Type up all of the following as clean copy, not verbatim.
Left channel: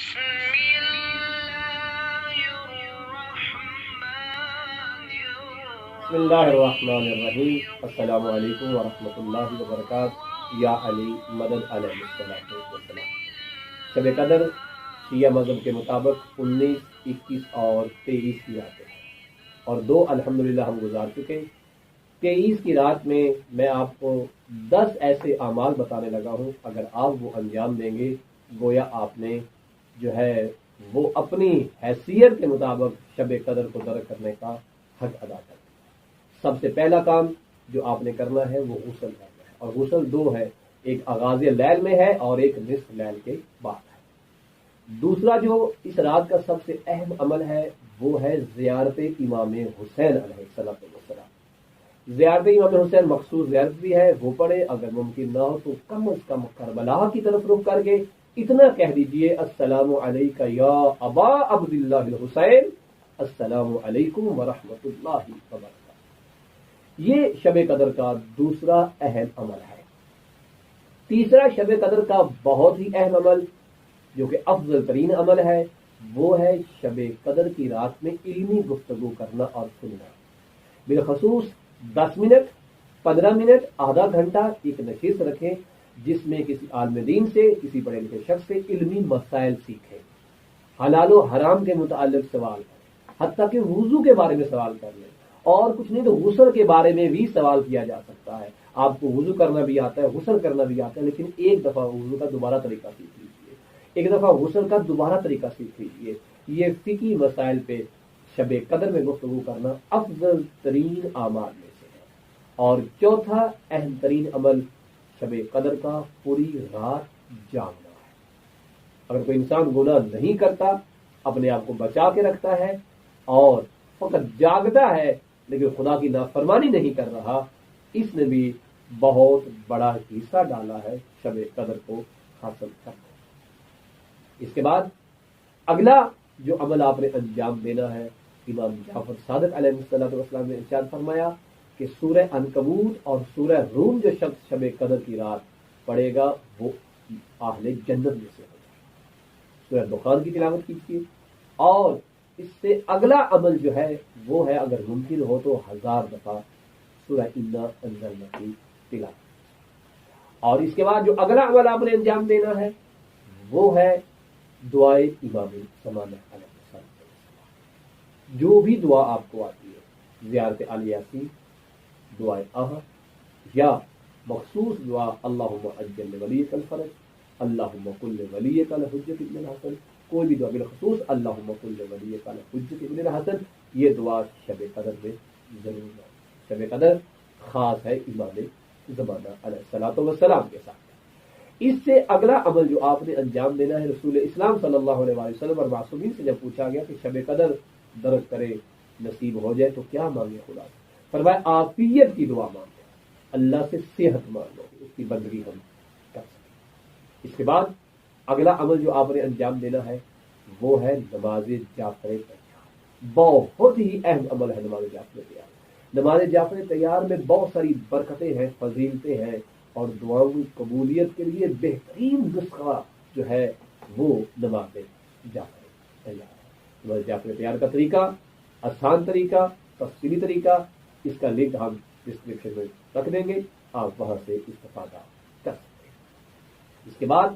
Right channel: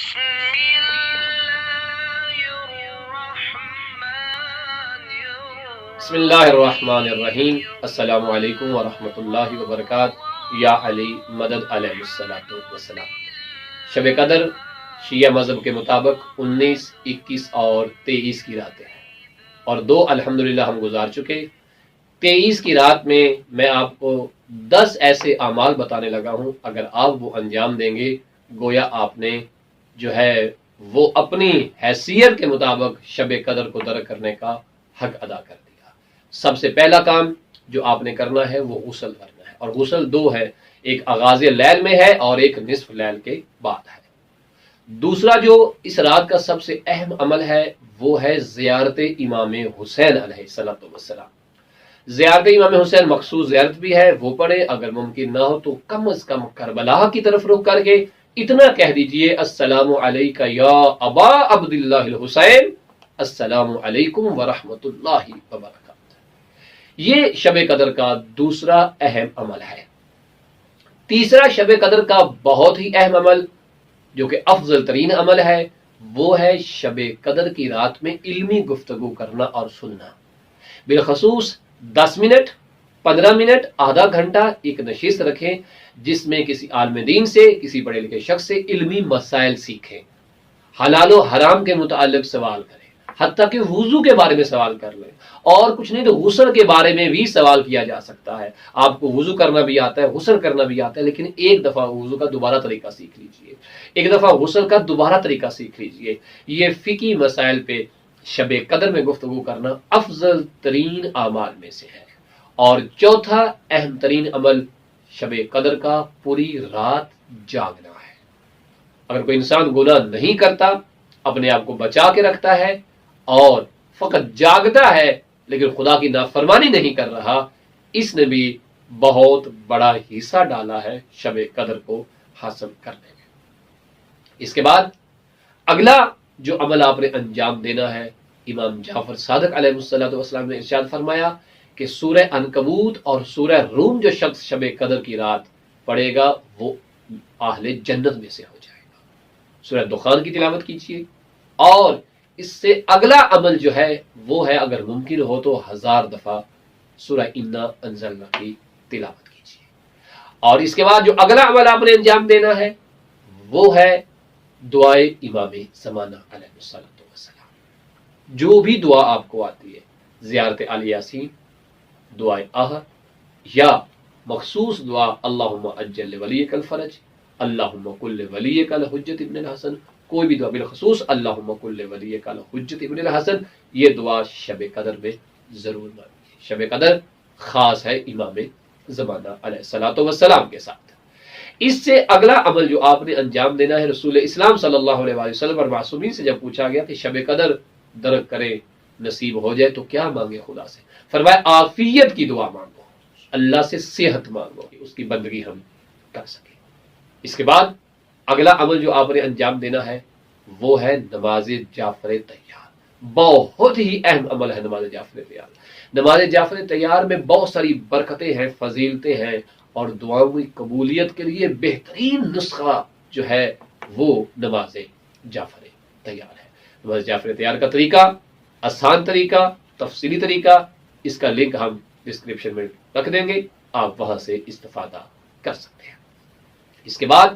بسم اللہ الرحمن الرحیم۔ السلام علیکم ورحمۃ اللہ وبرکاتہ۔ یا علی مدد علیہ الصلوۃ والسلام۔ شب قدر شیعہ مذہب کے مطابق 19، 21 اور 23 کی راتیں ہیں، اور 2 الحمدللہ ہم گزار چکے۔ 23 کی رات میں آپ کو 10 ایسے اعمال بتانے لگا ہوں، اگر آپ وہ انجام دیں گے گویا آپ نے جو ہے وہ اپنی حیثیت کے مطابق شب قدر کو درک کرنے کا حق ادا کر دیا۔ سب سے پہلا کام جو آپ نے کرنا ہے وہ غسل کرنا ہے، اور غسل 2 ہے، ایک آغاز لیل میں ہے اور ایک نصف لیل کے بعد ہے۔ دوسرا جو اس رات کا سب سے اہم عمل ہے وہ ہے زیارت امام حسین علیہ السلام۔ زیارت امام حسین مخصوص زیارت بھی ہے، وہ پڑھے، اگر ممکن نہ ہو تو کم از کم کربلا کی طرف رخ کر کے اتنا کہہ دیجئے، السلام علیکہ یا ابا عبداللہ الحسین، السلام علیکم ورحمۃ اللہ وبرکاتہ۔ یہ شب قدر کا دوسرا اہم عمل ہے۔ تیسرا شب قدر کا بہت ہی اہم عمل جو کہ افضل ترین عمل ہے وہ ہے شب قدر کی رات میں علمی گفتگو کرنا اور سننا۔ بالخصوص 10 منٹ، 15 منٹ، آدھا گھنٹہ ایک نشست رکھیں جس میں کسی عالم دین سے، کسی پڑھے لکھے شخص سے علمی مسائل سیکھیں، حلال و حرام کے متعلق سوال کریں، حتیٰ کہ وضو کے بارے میں سوال کر لیں، اور کچھ نہیں تو غسل کے بارے میں بھی سوال کیا جا سکتا ہے۔ آپ کو وضو کرنا بھی آتا ہے، غسل کرنا بھی آتا ہے، لیکن ایک دفعہ وضو کا دوبارہ طریقہ سیکھ لیجئے، ایک دفعہ غسل کا دوبارہ طریقہ سیکھ لیجئے۔ یہ فقہی مسائل پہ شب قدر میں گفتگو کرنا افضل ترین اعمال میں سے ہے۔ اور چوتھا اہم ترین عمل شب قدر کا پوری رات جاگنا ہے۔ اگر کوئی انسان گناہ نہیں کرتا، اپنے آپ کو بچا کے رکھتا ہے اور فقط جاگتا ہے لیکن خدا کی نافرمانی نہیں کر رہا، اس نے بھی بہت بڑا حصہ ڈالا ہے شب قدر کو حاصل کرنے میں۔ اس کے بعد اگلا جو عمل آپ نے انجام دینا ہے، امام جعفر صادق علیہ السلام نے ارشاد فرمایا کہ سورہ عنکبوت اور سورہ روم جو شخص شب قدر کی رات پڑھے گا وہ اہل جنت میں سے ہو جائے گا۔ سورہ دخان کی تلاوت کیجیے، اور اس سے اگلا عمل جو ہے وہ ہے اگر ممکن ہو تو 1000 دفعہ سورہ انا انزلنا کی تلاوت کیجیے۔ اور اس کے بعد جو اگلا عمل آپ نے انجام دینا ہے وہ ہے دعائے امام زمانہ علیہ السلام۔ جو بھی دعا آپ کو آتی ہے، زیارت آل یاسین، دعائے عہد، یا مخصوص دعا اللہم اجل ولیک الفرج، اللہم کل ولیک الحجت ابن الحسن، کوئی بھی دعا، بالخصوص اللہم کل ولیک الحجت ابن الحسن، یہ دعا شب قدر میں ضرور مانگیے۔ شب قدر خاص ہے امام زمانہ علیہ السلام کے ساتھ۔ اس سے اگلا عمل جو آپ نے انجام دینا ہے، رسول اسلام صلی اللہ علیہ وسلم اور معصومین سے جب پوچھا گیا کہ شب قدر درک کرے، نصیب ہو جائے تو کیا مانگے خدا سے، فرمایا عافیت کی دعا مانگو، اللہ سے صحت مانگو کہ اس کی بندگی ہم کر سکیں۔ اس کے بعد اگلا عمل جو آپ نے انجام دینا ہے وہ ہے نماز جعفر تیار۔ بہت ہی اہم عمل ہے نماز جعفر تیار۔ نماز جعفر تیار میں بہت ساری برکتیں ہیں، فضیلتیں ہیں، اور دعاؤں کی قبولیت کے لیے بہترین نسخہ جو ہے وہ نماز جعفر تیار ہے۔ نماز جعفر تیار کا طریقہ، آسان طریقہ، تفصیلی طریقہ، اس کا لنک ہم ڈسکرپشن میں رکھ دیں گے، آپ وہاں سے استفادہ کر سکتے ہیں۔ اس کے بعد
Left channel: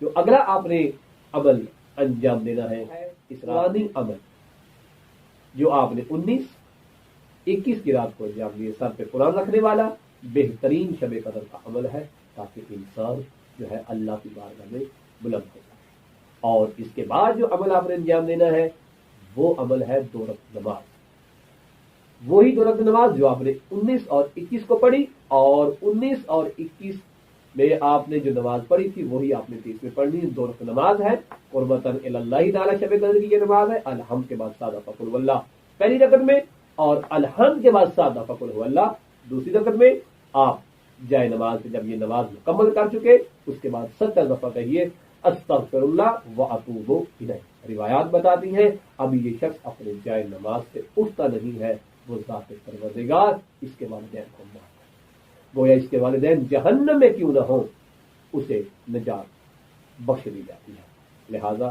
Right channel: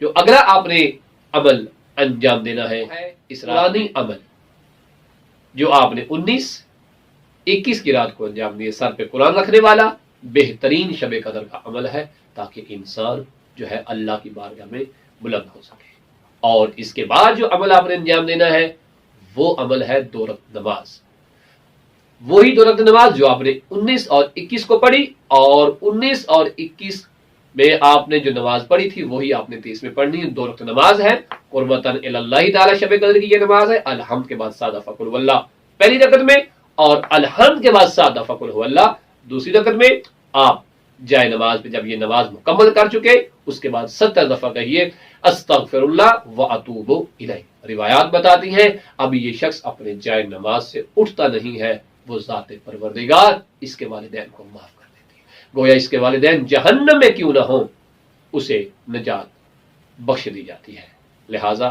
جو اگلا آپ نے عمل انجام دینا ہے اسرانی عمل، جو آپ نے 19، 21 کی رات کو انجام دیے۔ سر پہ قرآن رکھنے والا بہترین شب قدر کا عمل ہے تاکہ انسان جو ہے اللہ کی بارگاہ میں بلند ہو سکے۔ اور اس کے بعد جو عمل آپ نے انجام دینا ہے وہ عمل ہے 2 رکعت نماز۔ وہی 2 رکعت نماز جو آپ نے 19 اور 21 کو پڑھی، اور 19 اور 21 میں آپ نے جو نماز پڑھی تھی وہی آپ نے 30 میں پڑھنی ہے۔ 2 رکعت نماز ہے قربتاً الی اللہ تعالی، شب قدر کی یہ نماز ہے۔ الحمد کے بعد 7 دفعہ قل هو اللہ پہلی رکعت میں، اور الحمد کے بعد 7 دفعہ قل هو اللہ دوسری رکعت میں۔ آپ جائے نماز پہ جب یہ نماز مکمل کر چکے اس کے بعد 70 دفعہ کہیے استغفر اللہ واتوب الیہ۔ روایات بتاتی ہیں اب یہ شخص اپنے جائے نماز سے اٹھتا نہیں ہے، وہ ذات پروردگار اس کے والدین کو معاف کر دیتی ہے، گویا اس کے والدین جہنم میں کیوں نہ ہوں اسے نجات بخش دی جاتی ہے۔ لہٰذا